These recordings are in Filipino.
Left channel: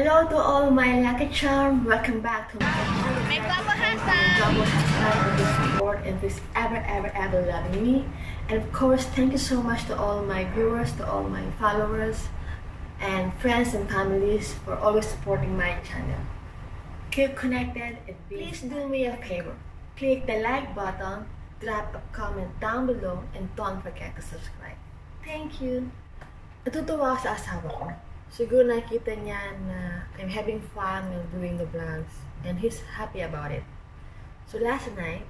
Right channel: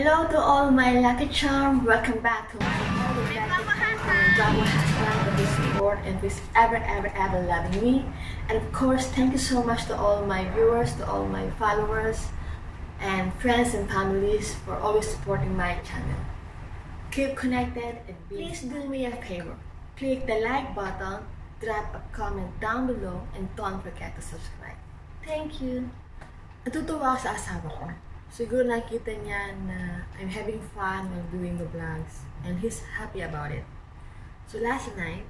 Hello to all my lucky charm. Welcome back to my husband, this support and this ever loving me. And of course, thank you so much to all my viewers, to all my followers, and friends and families for always supporting my channel. Keep connected and please do me a favor. Click the like button, drop a comment down below, and don't forget to subscribe. Thank you. Natutuwa ako sa asawa ko. Siguro nakita niya na I'm having fun while doing the vlogs and he's happy about it. So last night,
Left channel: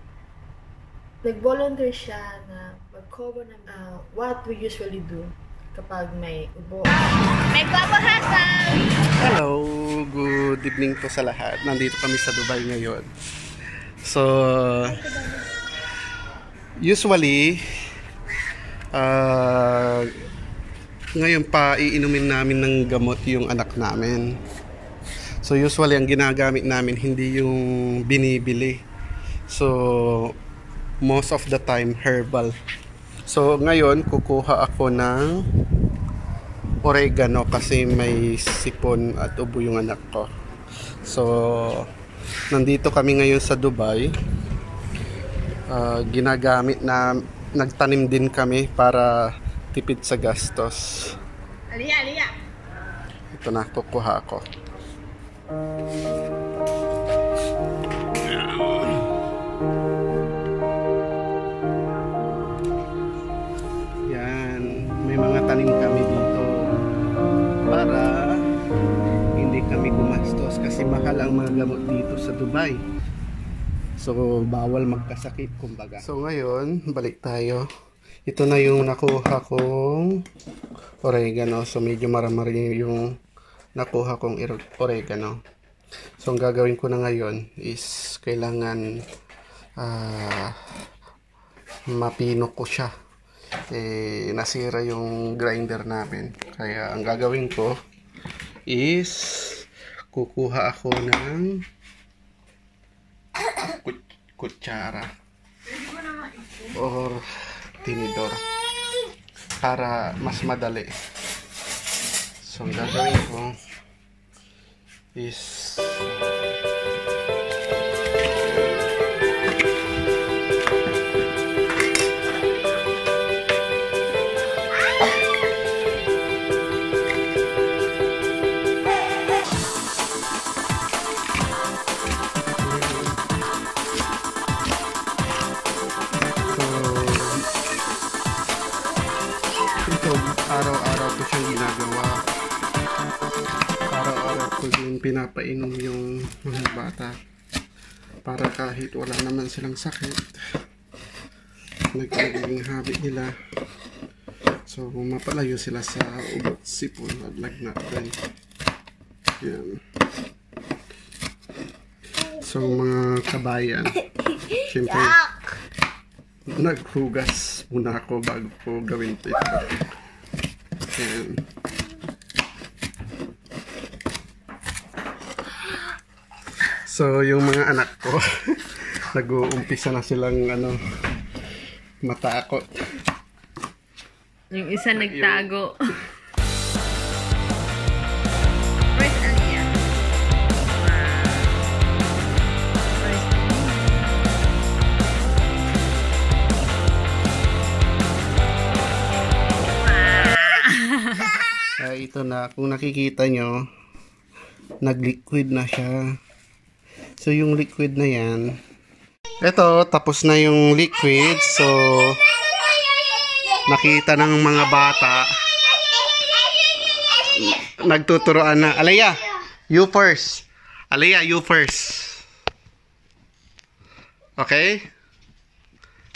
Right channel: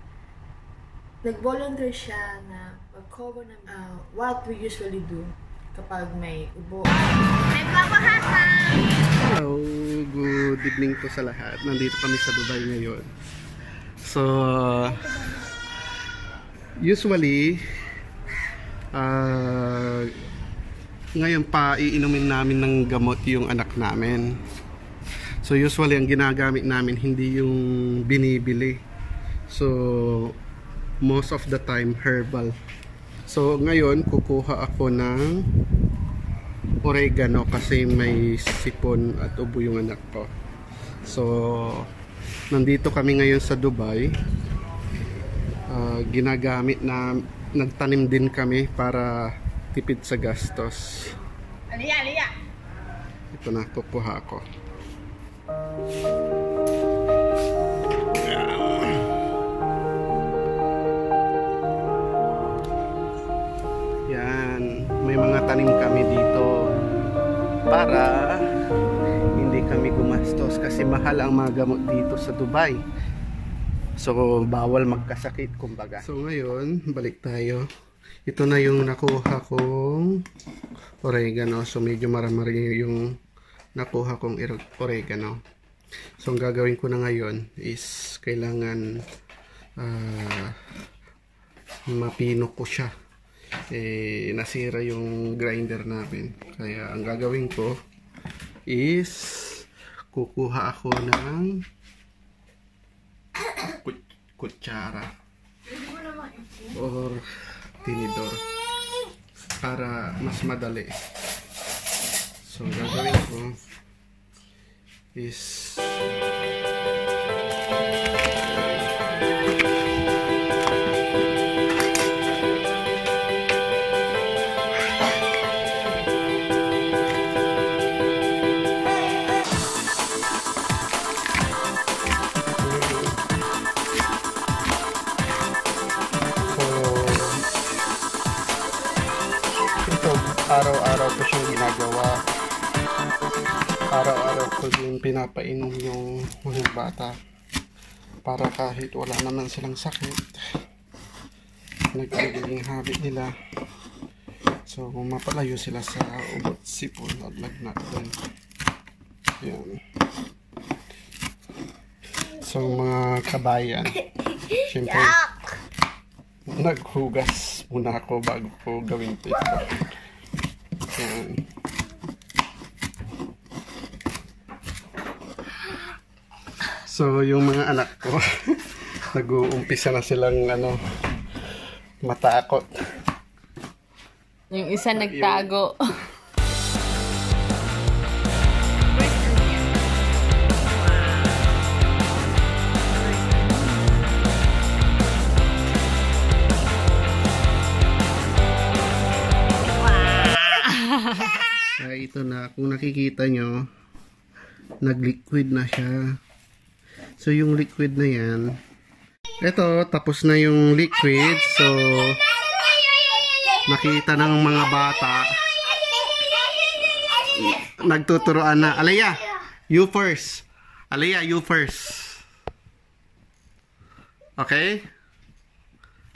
nag-volunteer siya na mag-cover ng what we usually do kapag may ubo. May husband! Hello! Good evening po sa lahat. Nandito kami sa Dubai ngayon. So, usually, ngayon pa iinumin namin ng gamot yung anak namin. So usually ang ginagamit namin hindi yung binibili. So most of the time herbal. So ngayon kukuha ako ng oregano kasi may sipon at ubo yung anak ko. So nandito kami ngayon sa Dubai. Ginagamit na nagtanim din kami para tipid sa gastos. Aliya! Ito na, kukuha ako. Yan, may mga tanim kami dito para hindi kami gumastos kasi mahal ang mga gamot dito sa Dubai. So bawal magkasakit kumbaga. So ngayon, balik tayo. Ito na yung nakuha kong oregano. So medyo marami yung nakuha kong oregano. So ang gagawin ko na ngayon is kailangan mapino ko siya. Nasira yung grinder namin. Kaya ang gagawin ko is kukuha ako ng kutsara or tinidor para mas madali. So ang gagawin ko is pinapainom yung mga bata para kahit wala naman silang sakit, nagiging habit nila, so mapalayo sila sa ubat, sipon at lagnat din. Yan. So mga kabayan, syempre naghugas muna ako bago ko gawin ito. Yan. So yung mga anak ko nag-uumpisa na silang matakot. Yung isa nagtago. Ito na, kung nakikita nyo, nag-liquid na siya. So yung liquid na yan, ito tapos na yung liquid. So nakita ng mga bata, nagtuturoan na. Alaya, you first. Alaya, you first. Okay?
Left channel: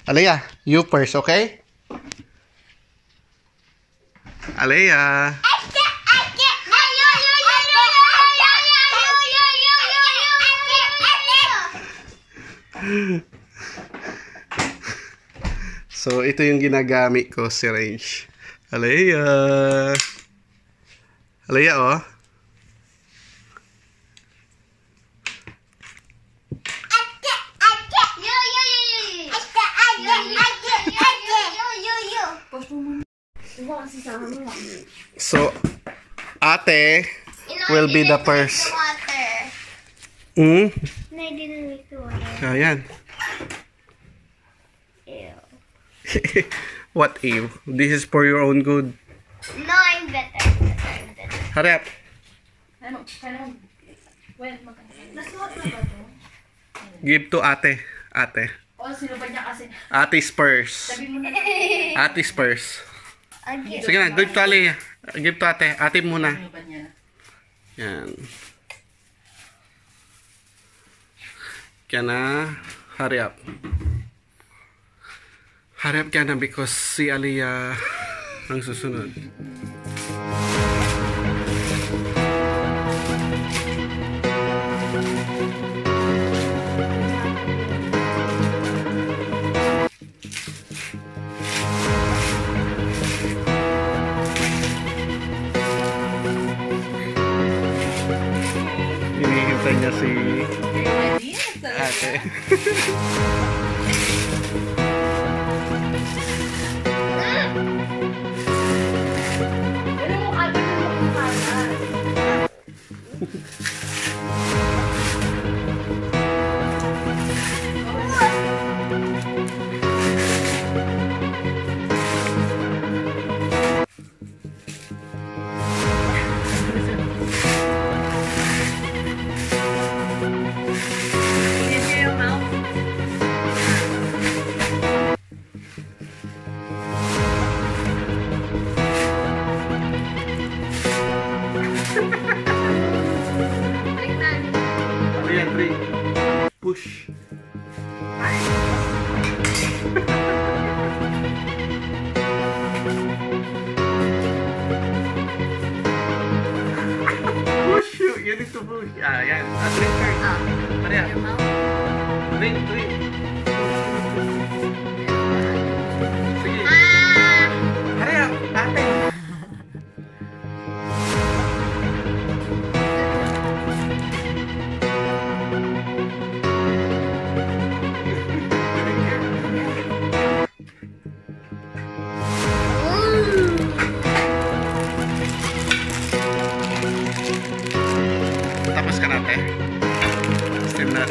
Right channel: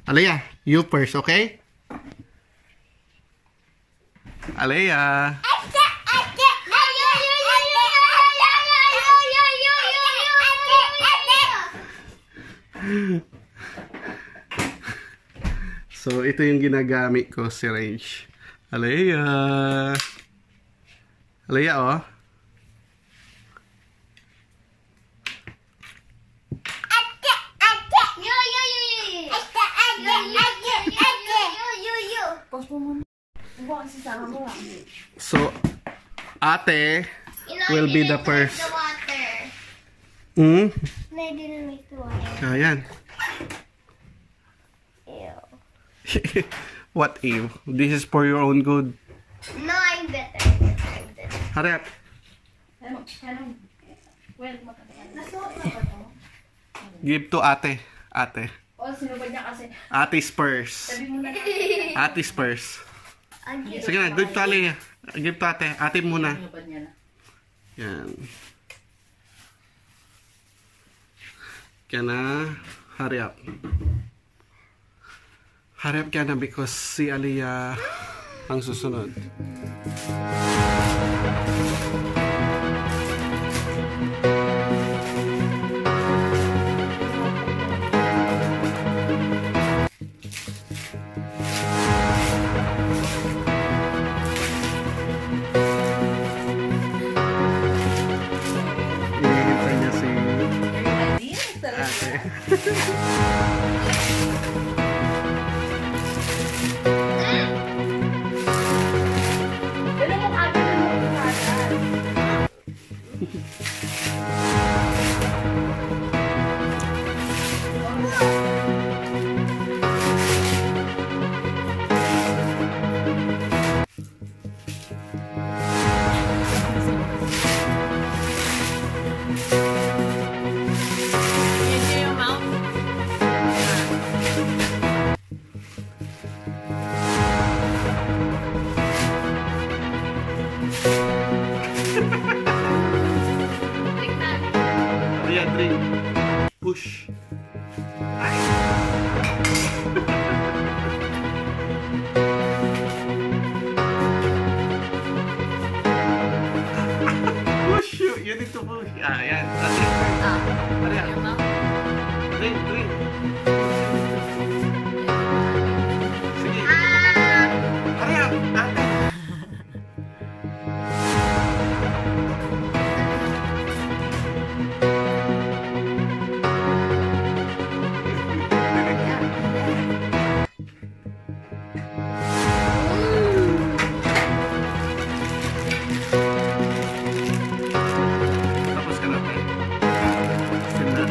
Alaya, you first, okay? Alaya. So ito yung ginagamit ko, syringe. Alaya. Alaya, oh. Post mo muna. So, ate, will be the first. The water. Hmm? No, I didn't make the water. Ayan. Ew. What ew? This is for your own good. No, I'm better. I'm better. Hurry up. Give to ate. Ate. Ate's purse. Ate's purse. Sige na, give to Ali. Give to ate. Ate muna. Yan. Kaya na, hurry up. Hurry up kaya na because si Aliyah ang susunod. Hinihintay niya si ate. Aliyah, drink. Push. Push you. You need to push. Ah, yan. Drink first. Aliyah. Your mouth. Drink, drink. Sige. Hurry up. Ate. Tapos ka natin. Steam na.